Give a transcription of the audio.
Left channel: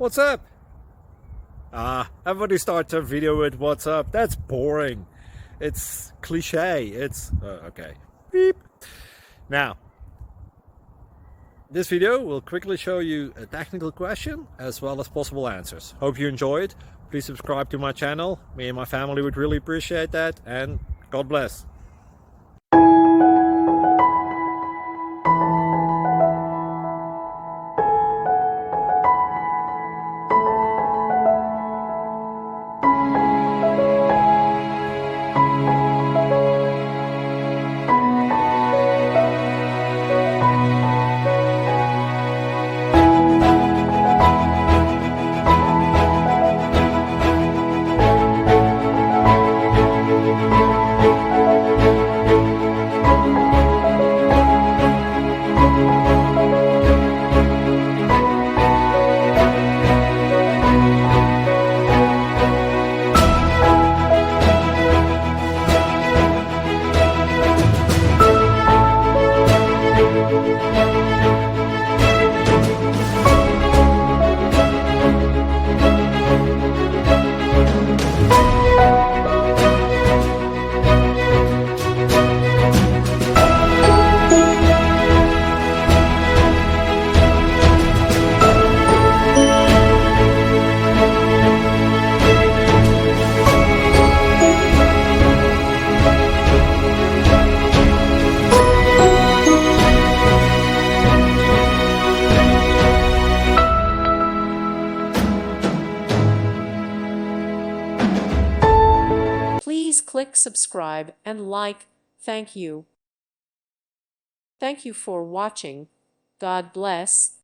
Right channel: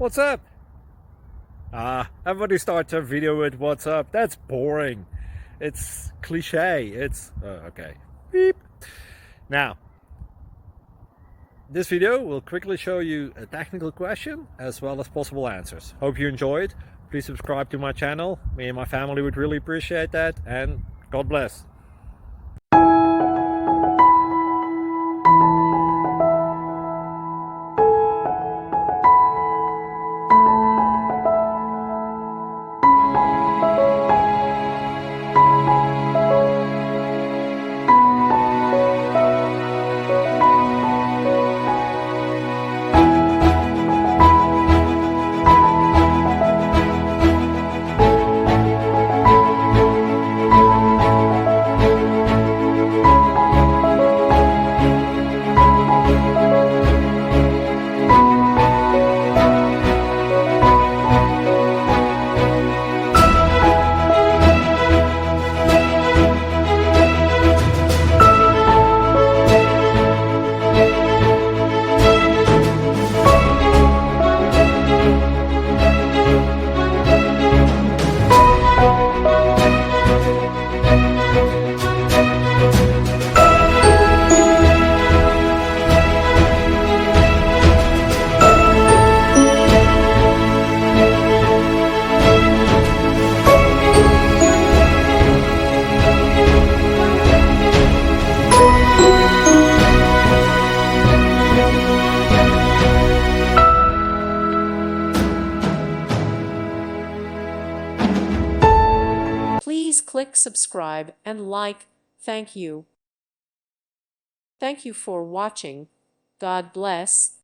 What's up? Everybody starts a video with what's up. That's boring. It's cliche. It's okay. Beep. Now, this video will quickly show you a technical question as well as possible answers. Hope you enjoyed. Please subscribe to my channel. Me and my family would really appreciate that, and God bless. Please click subscribe and like. Thank you. Thank you for watching. God bless.